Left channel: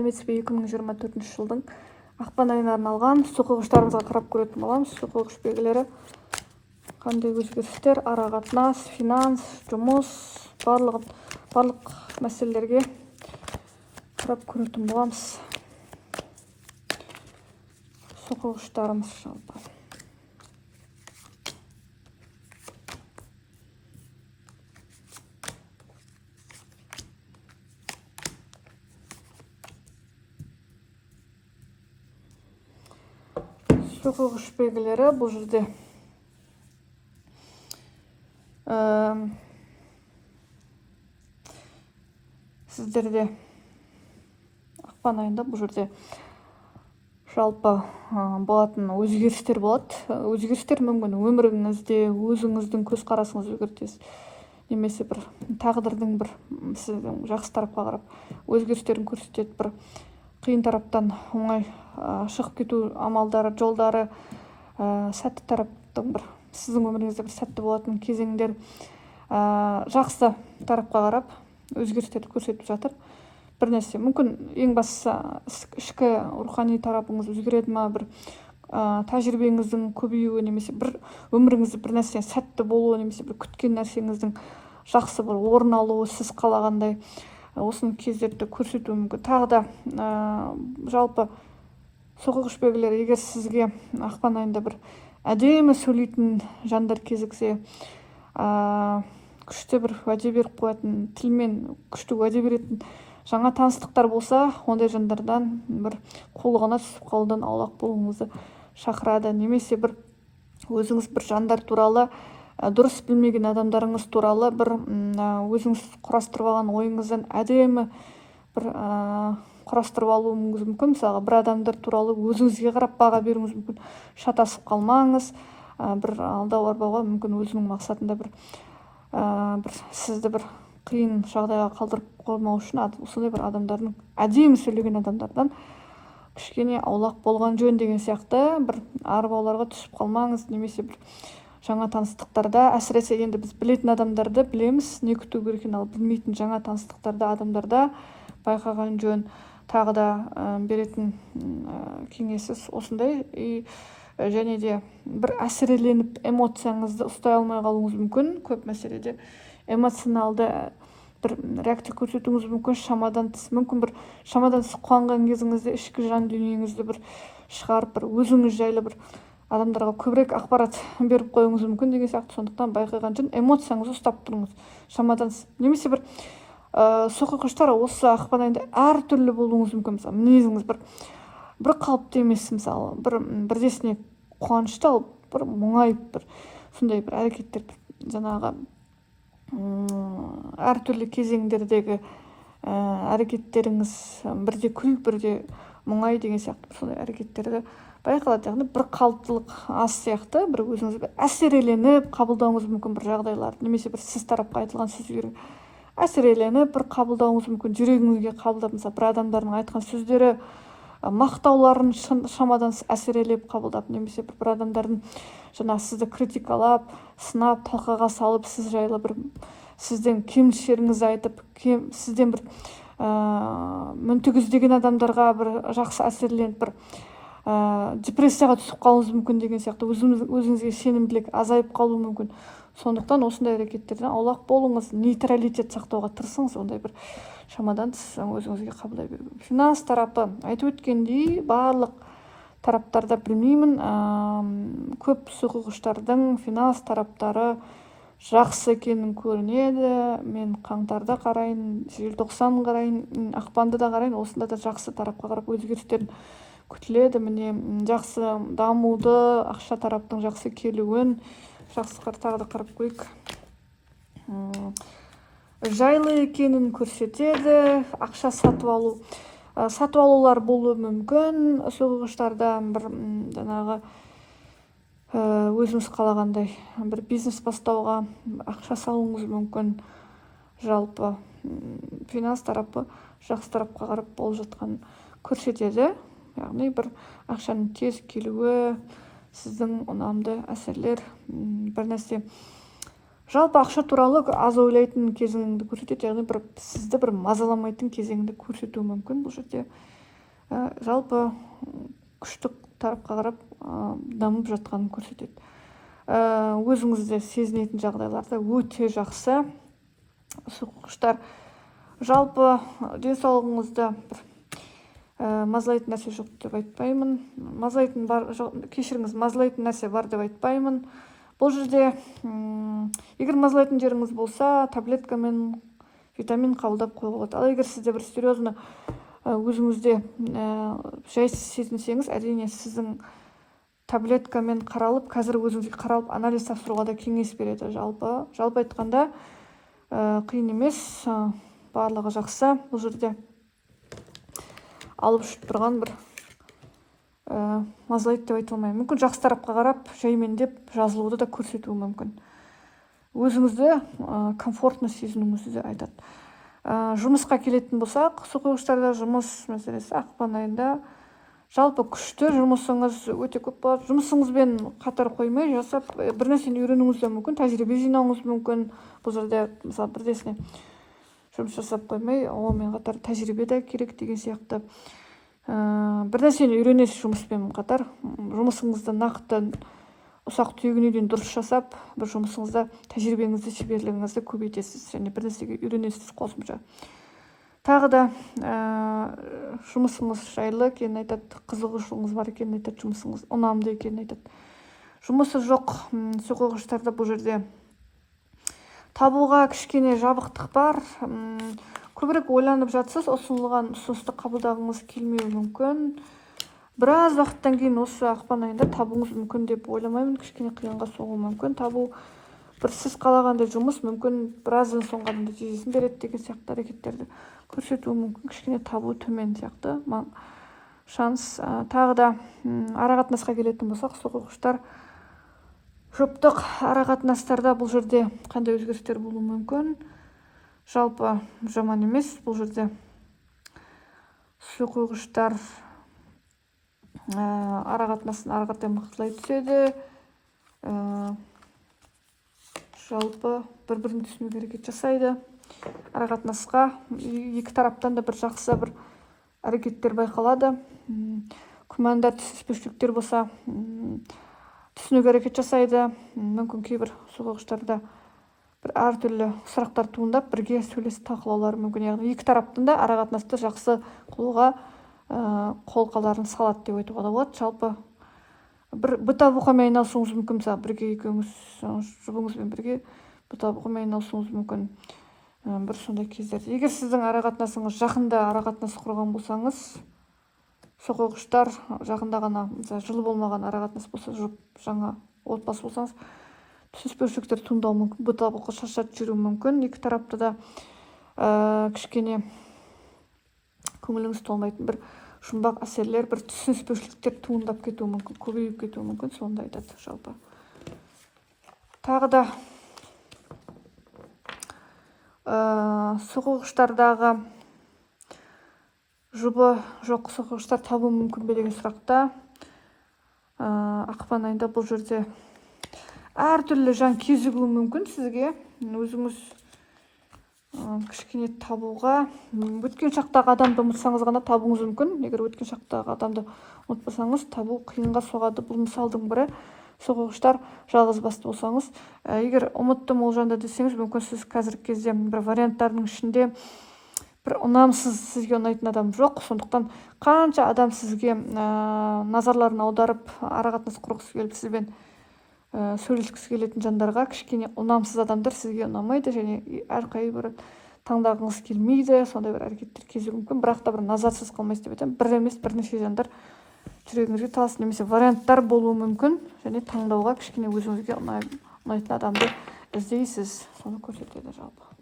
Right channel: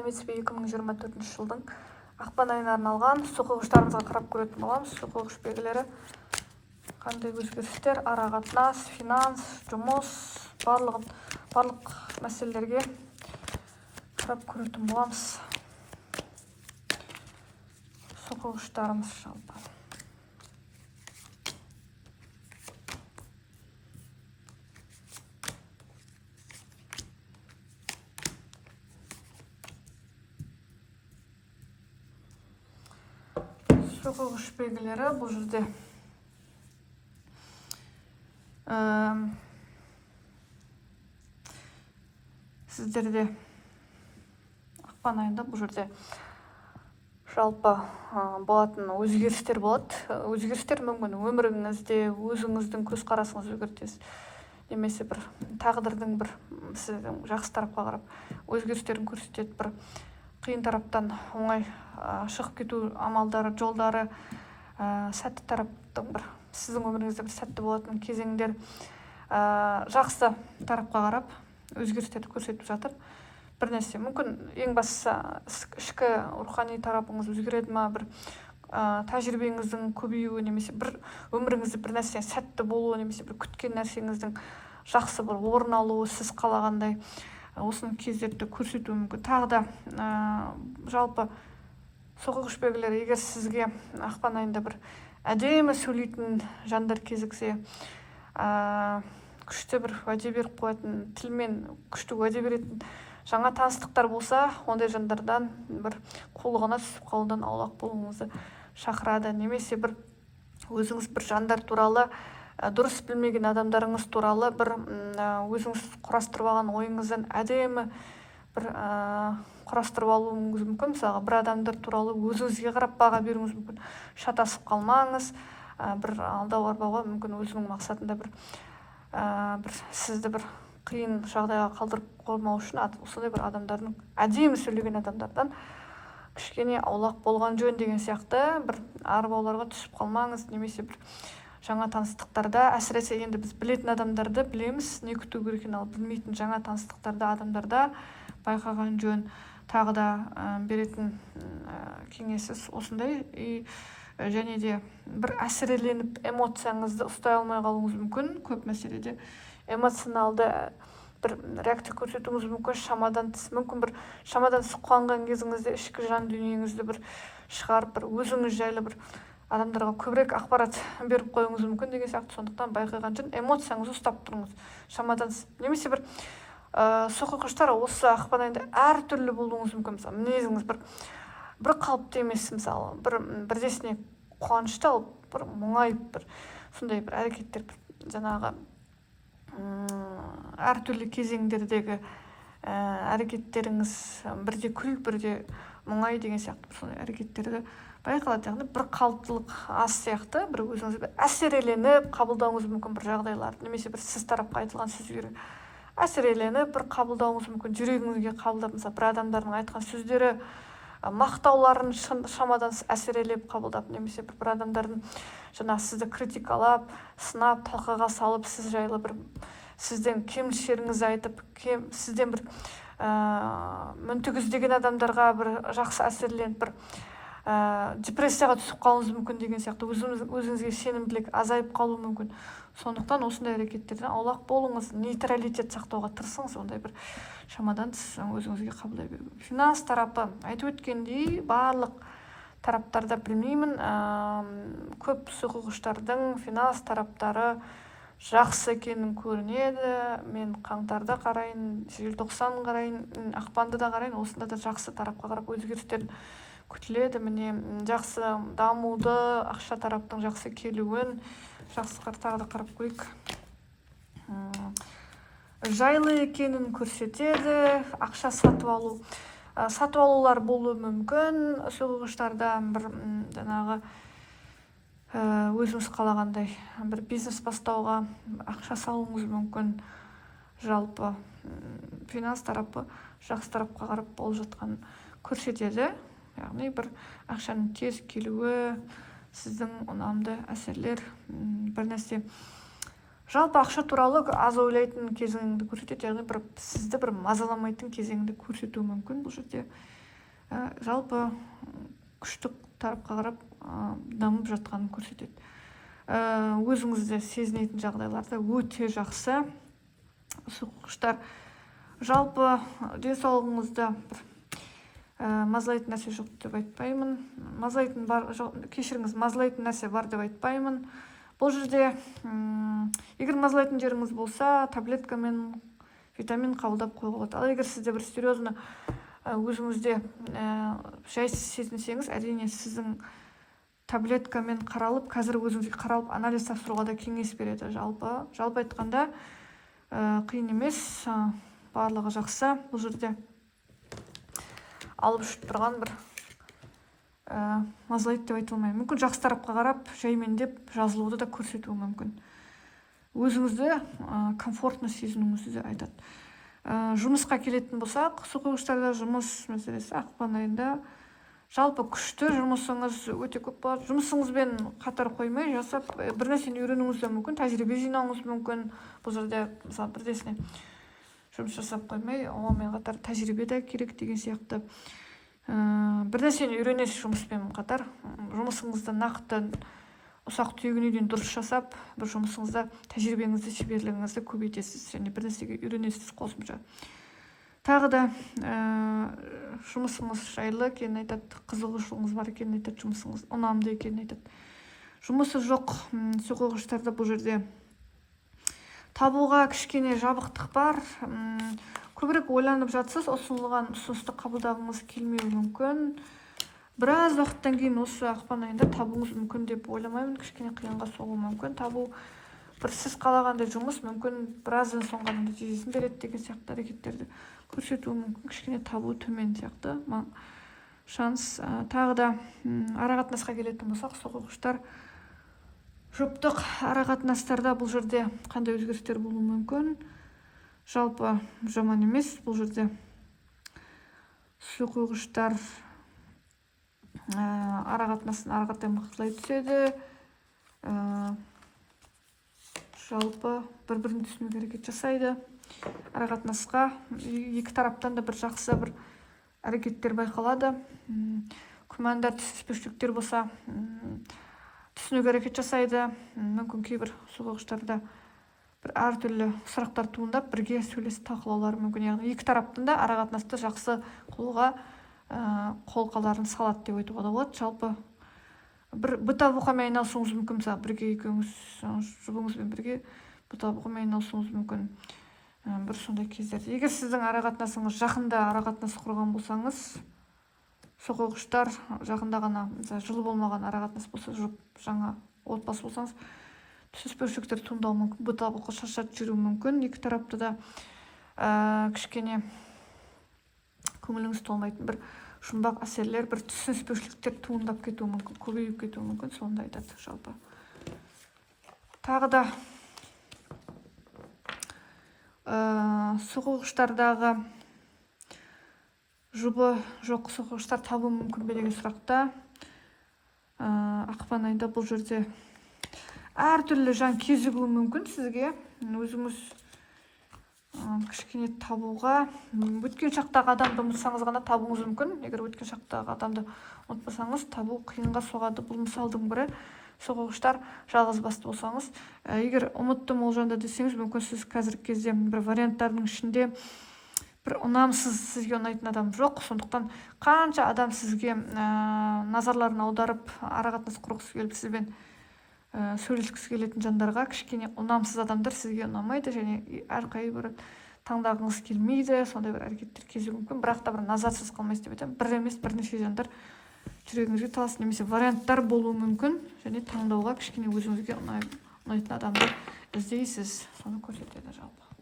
Сәлеметсіз бе? 2024 жылдың ақпан айына арналған құқықтарыңызға қарап көретін боламыз. Құқық белгілері қандай өзгерістер, арақатынас, финанс, жұмыс, барлық мәселелерге қарап көретін боламыз. Құқықтарымыз жалпы. Құқық белгілері бұл жерде сіздерде ақпан айында бұл жерде жалпы болатын өзгерістер болады. Өзгерістер мүмкін өміріңізде өзіңіздің көзқарасыңызды өзгертесіз, немесе бір тағдырдың бір сіздің жақсы тарапқа қарап өзгерістерін көрсетеді. Бір қиын тараптан оңай шығып кету амалдары, жолдары, сәтті тараптың бір сіздің өміріңізде бір сәтті болатын кезеңдер жақсы тарапқа қарап өзгерістерді көрсетіп жатыр. Бір нәрсе мүмкін ең бастысы ішкі рухани тарапыңыз өзгереді ма, бір тәжірибеңіздің көбеюі, немесе бір өміріңізде бір нәрсе сәтті болуы, немесе бір күткен нәрсеңіздің жақсы бір орын алуы, сіз қалағандай осының кездерді көрсетуі мүмкін. Тағы да жалпы құқық белгілері, егер сізге ақпан айында бір әдемі сөйлейтін жандар кезіксе, күшті бір уәде беріп қоятын, тілмен күшті уәде беретін жаңа таныстықтар болса, ондай жандардан бір қулығына түсіп қалудан аулақ болуыңызды шақырады. Немесе бір өзіңіз бір жандар туралы, дұрыс білмеген адамдарыңыз туралы бір өзіңіз құрастырып алған ойыңыздан әдемі бір құрастырып алуыңыз мүмкін. Мысалы, бір адамдар туралы өзіңізге қарап баға беруіңіз мүмкін. Шатасып қалмаңыз, бір алдау арбауға мүмкін өзінің мақсатында бір сізді бір қиын жағдайға қалдырып қоймау үшін осындай бір адамдардың, әдемі сөйлеген адамдардан кішкене аулақ болған жөн деген сияқты бір арбауларға түсіп қалмаңыз. Немесе бір жаңа таныстықтарда, әсіресе енді біз білетін адамдарды білеміз, не күту керек екенін, ал білмейтін жаңа таныстықтарда, адамдарда байқаған жөн. Тағы да беретін кеңесі осындай. Және де бір әсіреленіп эмоцияңызды ұстай алмай қалуыңыз мүмкін. Көп мәселеде эмоционалды бір реакция көрсетуіңіз мүмкін. Шамадан тыс, мүмкін бір шамадан тыс қуанған кезіңізде ішкі жан дүниеңізді бір шығарып, бір өзіңіз жайлы бір адамдарға көбірек ақпарат беріп қоюыңыз мүмкін деген сияқты. Сондықтан байқаған жөн эмоцияңызды ұстап тұрыңыз шамадан тыс. Немесе бір құқықтар осы ақпан айында әртүрлі болуыңыз мүмкін. Мысалы, мінезіңіз бір қалыпты емес, мысалы, бірдесіне қуанышты алып, бір мұңайып, бір сондай бір әрекеттер, жаңағы әртүрлі кезеңдердегі әрекеттеріңіз бірде күл, бірде мұңай деген сияқты сондай әрекеттерді байқалады. Яғни бір қалыптылық аз сияқты, бір өзіңіз әсереленіп қабылдауыңыз мүмкін бір жағдайлар, немесе бір сіз тарапқа айтылған сөздер әсереленіп бір қабылдауыңыз мүмкін, жүрегіңізге қабылдап, мысалы, бір адамдардың айтқан сөздері, мақтауларын шамадан әсерелеп қабылдап, немесе бір адамдардың жаңағы сізді критикалап, сынап, талқыға салып, сіз жайлы бір сіздің кемшіліктеріңізді айтып, сізден бір мүнтігіз деген адамдарға бір жақсы әсерленіп, бір депрессияға түсіп қалуыңыз мүмкін деген сияқты, өзіңізге сенімділік азайып қалуы мүмкін. Сондықтан осындай әрекеттерден аулақ болыңыз, нейтралитет сақтауға тырысыңыз, ондай бір шамадан тыс өзіңізге қабылдай беру. Финанс тарапы, айтып өткендей, барлық тараптарда білмеймін, көп құқықтардың финанс тараптары жақсы екенін көрінеді. Мен қаңтарда қарайын, желтоқсан қарайын, ақпанды да қарайын, осында да жақсы тарапқа қарап өзгерістер күтіледі. Міне жақсы дамуды, ақша тараптың жақсы келуін, жақсы тағы да қарап қойық. Жайлы екенін көрсетеді. Ақша сатып алулар болуы мүмкін. Құқықтардан бір жаңағы өзіңіз қалағандай бір бизнес бастауға ақша салуыңыз мүмкін. Жалпы финанс тарапы жақсы тарапқа қарап болып жатқан көрсетеді. Яғни бір ақшаның тез келуі, сіздің ұнамды әсерлер, бір нәрсе жалпы ақша туралы аз ойлайтын кезіңді көрсетеді, яғни сізді бір мазаламайтын кезеңді көрсетуі мүмкін. Бұл жерде жалпы күштік тарапқа қарап дамып жатқанын көрсетеді. Өзіңізді сезінетін жағдайларда өте жақсы. Суққыштар, жалпы денсаулығыңызда мазалайтын нәрсе жоқ деп айтпаймын. Кешіріңіз, мазалайтын нәрсе бар деп айтпаймын. Бұл жерде егер мазалайтын жеріңіз болса, таблеткамен витамин қабылдап қоюға болады. Ал егер сізде бір серьезно өзіңізде жайсыз сезінсеңіз, әрине сіздің таблеткамен қаралып, қазір өзіңізге қаралып анализ тапсыруға да кеңес береді. Жалпы айтқанда қиын емес, барлығы жақсы. Бұл жерде алып жүріп тұрған бір мазалайды деп айта алмаймын. Мүмкін жақсы тарапқа қарап, жаймендеп жазылуды да көрсетуі мүмкін. Өзіңізді комфортно сезінуіңізді де айтады. Жұмысқа келетін болсақ, суқойғыштарда жұмыс мәселесі ақпан айында жалпы күшті, жұмысыңыз өте көп болады. Жұмысыңызбен қатар қоймай жасап, бір нәрсені үйренуіңіз де мүмкін, тәжірибе жинауыңыз мүмкін. Бұл жерде мысалы бірдесіне жұмыс жасап қоймай, онымен қатар тәжірибе де керек деген сияқты. Бір нәрсені үйренесіз жұмыспен қатар, жұмысыңызды нақты ұсақ түйегіне дейін дұрыс жасап, бір жұмысыңызда тәжірибеңізді, шеберлігіңізді көбейтесіз және бір нәрсеге үйренесіз қосымша. Тағы да жұмысыңыз жайлы екенін айтады, қызығушылығыңыз бар екенін айтады, жұмысыңыз ұнамды екенін айтады. Жұмысы жоқ суқойғыштарда бұл жерде табуға кішкене жабықтық бар. Көбірек ойланып жатсыз, ұсынылған ұсынысты қабылдағыңыз келмеуі мүмкін. Біраз уақыттан кейін осы ақпан айында табуыңыз мүмкін деп ойламаймын. Кішкене қиынға соғуы мүмкін. Табу бір сіз қалағандай жұмыс мүмкін біраздан соң ғана нәтижесін береді деген сияқты әрекеттерді көрсетуі мүмкін. Кішкене табу төмен сияқты шанс. Тағы да арақатынасқа келетін болсақ, суқойғыштар жұптық арақатынастарда бұл жерде қандай өзгерістер болуы мүмкін? Жалпы жаман емес. Бұл жерде суқойғыштар арақатынасын ары қаратай мықтылай түседі. Жалпы бір-бірін түсінуге әрекет жасайды. Арақатынасқа екі тараптан да бір жақсы бір әрекеттер байқалады. Күмәндар, түсініспеушіліктер болса, түсінуге әрекет жасайды. Мүмкін кейбір суқойғыштарда бір әртүрлі сұрақтар туындап, бірге сөйлесіп талқылаулары мүмкін. Яғни екі тараптан да арақатынасты жақсы қылуға қолқаларын салады деп айтуға да болады. Жалпы бір бұта-бұқамен айналысуыңыз мүмкін. Мысалы, бірге екеуіңіз жұбыңызбен бірге бұта-бұқамен айналысуыңыз мүмкін. Бір сондай кездерде. Егер сіздің арақатынасыңыз жақында арақатынас құрған болсаңыз, суқойғыштар жақында ғана жылы болмаған арақатынас болса, жаңа отбасы болсаңыз, түсініспеушіліктер туындауы мүмкін, бұта-бұқа шаршатып жүруі мүмкін. Екі тарапта да кішкене көңіліңіз толмайтын бір жұмбақ әсерлер, бір түсініспеушіліктер туындап кетуі мүмкін, көбейіп кетуі мүмкін, сонда айтады жалпы. Тағы да суқойғыштардағы жұбы жоқ суқойғыштар табуы мүмкін бе деген сұрақта ақпан айында бұл жерде әртүрлі жан кезігуі мүмкін сізге. Өзіңіз кішкене табуға, өткен шақтағы адамды ұмытсаңыз ғана табуыңыз мүмкін. Егер өткен шақтағы адамды ұмытпасаңыз, табу қиынға соғады. Бұл мысалдың бірі. Суқойғыштар жалғыз басты болсаңыз, егер ұмыттым ол жанды десеңіз, мүмкін сіз қазіргі кезде бір варианттардың ішінде бір ұнамсыз, сізге ұнайтын адам жоқ. Сондықтан қанша адам сізге назарларын аударып, арақатынас құрғысы келіп сізбен сөйлескісі келетін жандарға кішкене ұнамсыз адамдар сізге ұнамайды және әрқайбір таңдағыңыз келмейді. Сондай бір әрекеттер кезуі мүмкін, бірақ та бір назарсыз қалмайсыз деп айтамын. Бір емес бірнеше жандар жүрегіңізге талас немесе варианттар болуы мүмкін және таңдауға кішкене өзіңізге ұнайтын адамды іздейсіз. Соны көрсетеді жалпы.